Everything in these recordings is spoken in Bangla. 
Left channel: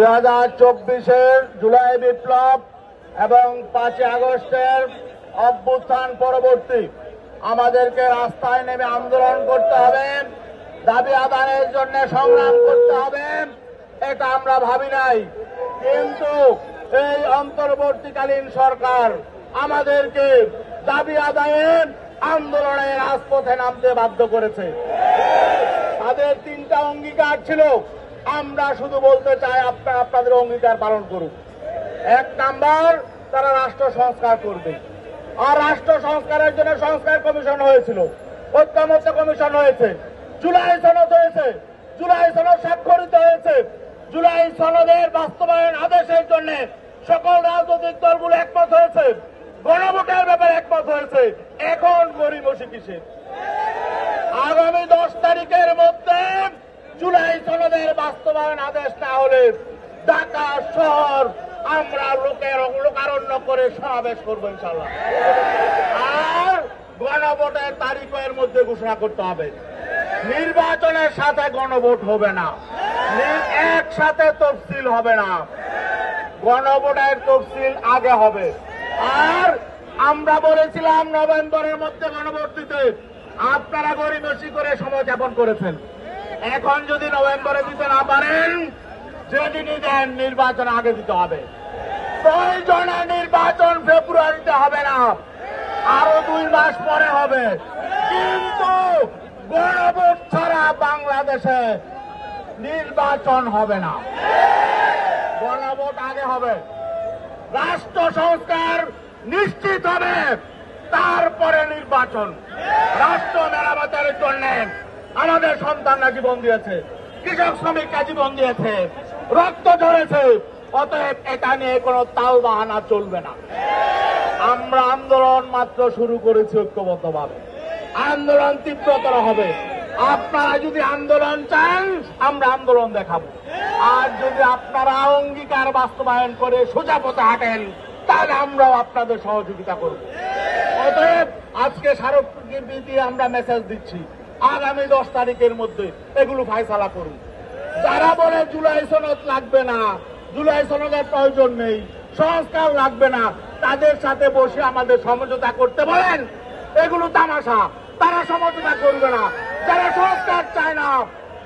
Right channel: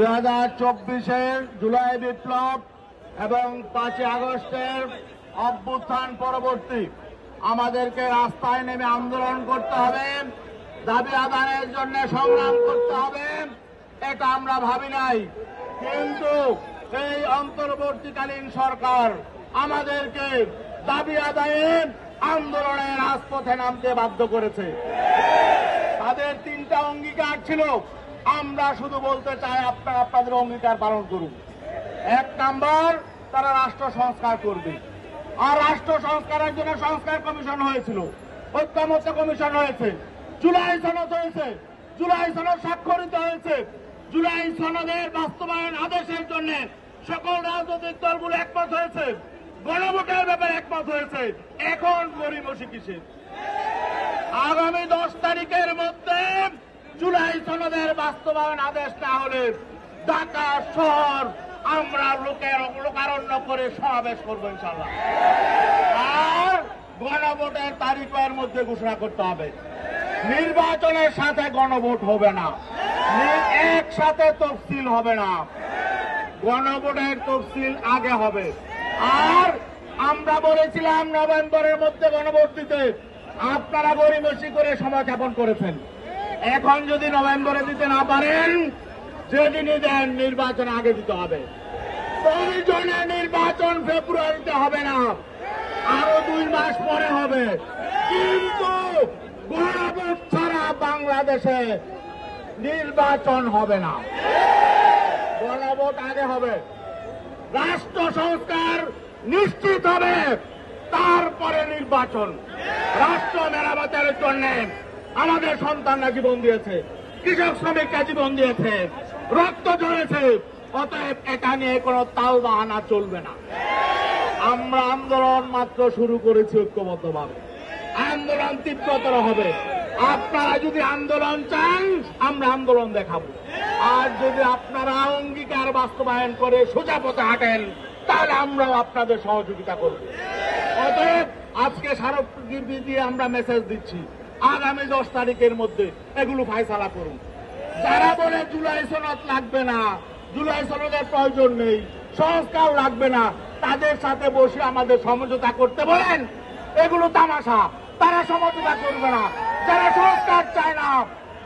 2024-এর জুলাই বিপ্লব এবং 5 আগস্টের অভ্যুত্থান পরবর্তী আমাদেরকে রাস্তায় নেমে আন্দোলন করতে হবে, দাবি আদায়ের জন্য সংগ্রাম করতে হবে, এটা আমরা ভাবি নাই। কিন্তু এই অন্তর্বর্তীকালীন সরকার আমাদেরকে দাবি আদায়ের আন্দোলনে রাজপথে নামতে বাধ্য করেছে। তাদের 3টা অঙ্গীকার ছিল, আমরা শুধু বলতে চাই আপনারা আপনাদের অঙ্গীকার পালন করুন। 1 নাম্বার, তারা রাষ্ট্র সংস্কার করবে। আর রাষ্ট্র সংস্কারের জন্য সংস্কার কমিশন হয়েছিল, ঐক্যমত্য কমিশন হয়েছে, জুলাই সনদ হয়েছে, জুলাই সনদ স্বাক্ষরিত হয়েছে। জুলাই সনদের বাস্তবায়ন আদেশের জন্য সকল রাজনৈতিক দলগুলো একমত হয়েছে, গণভোটের ব্যাপারে একমত হয়েছে। এখন গড়িমসি কিসের? আগামী 10 তারিখের মধ্যে জুলাই সনদের বাস্তবায়ন আদেশ না হলে ঢাকা শহর আমরা লোকারণ্য করে সমাবেশ করবো ইনশাল্লাহ। আর গণভোটের তারিখের মধ্যে ঘোষণা করতে হবে। নির্বাচনের সাথে গণভোট হবে না, একসাথে তফসিল হবে না, গণভোটের তফসিল আগে হবে। আর আমরা বলেছিলাম নভেম্বরের মধ্যে গণভোট দিতে, আপনারা গড়িমসি করে সময় যাপন করেছেন। এখন যদি নভেম্বরে দিতে না পারেন, যেদিনই দেন নির্বাচন আগে দিতে হবে। প্রয়োজনে নির্বাচন ফেব্রুয়ারিতে হবে না, আরো 2 মাস পরে হবে। কিন্তু গণভোট ছাড়া বাংলাদেশে নির্বাচন হবে না, গণভোট আগে হবে। রাষ্ট্র সংস্কার নিশ্চিত হবে, তারপরে নির্বাচন। রাষ্ট্র মেরামতের জন্য আমাদের সন্তানরা জীবন দিয়েছে, কৃষক শ্রমিকরা জীবন দিয়েছে, রক্ত ঝরেছে। অতএব এটা নিয়ে কোনো তাল বাহানা চলবে না। আমরা আন্দোলন মাত্র শুরু করেছি ঐক্যবদ্ধভাবে, আন্দোলন তীব্রতর হবে। আপনারা যদি আন্দোলন চান, আমরা আন্দোলন দেখাবো। আর যদি আপনারা অঙ্গীকার বাস্তবায়ন করে সোজা পথে হাঁটেন, তাহলে আমরাও আপনাদের সহযোগিতা করব। অতএব আজকে স্মারকলিপি দিয়ে আমরা মেসেজ দিচ্ছি, আগামী 10 তারিখের মধ্যে এগুলো ফায়সালা করুন। যারা বলে জুলাই সনদ লাগবে না, জুলাই সনদের প্রয়োজন নেই, সংস্কার লাগবে না, তাদের সাথে বসে আমাদের সমঝোতা করতে বলেন। এগুলো তামাশা, তারা সমঝোতা করবে না। যারা সংস্কার চায় না,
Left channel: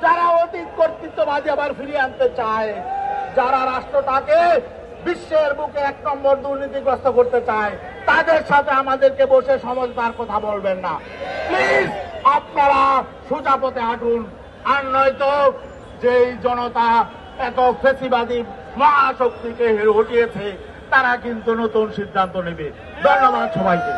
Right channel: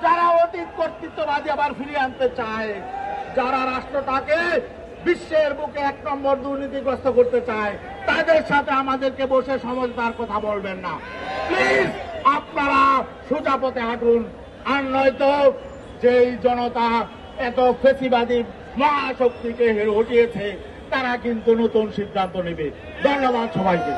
যারা অতীত কর্তৃত্ববাদী আবার ফিরিয়ে আনতে চায়, যারা রাষ্ট্রটাকে বিশ্বের বুকে 1 নম্বর দুর্নীতিগ্রস্ত করতে চায়, তাদের সাথে আমাদেরকে বসে সমঝোতার কথা বলবেন না। প্লিজ আপনারা সোজা পথে হাঁটুন। আর নয়তো যেই জনতা এত ফেসিবাদী মহাশক্তিকে হটিয়েছে, তারা কিন্তু নতুন সিদ্ধান্ত নেবে। ধন্যবাদ সবাইকে।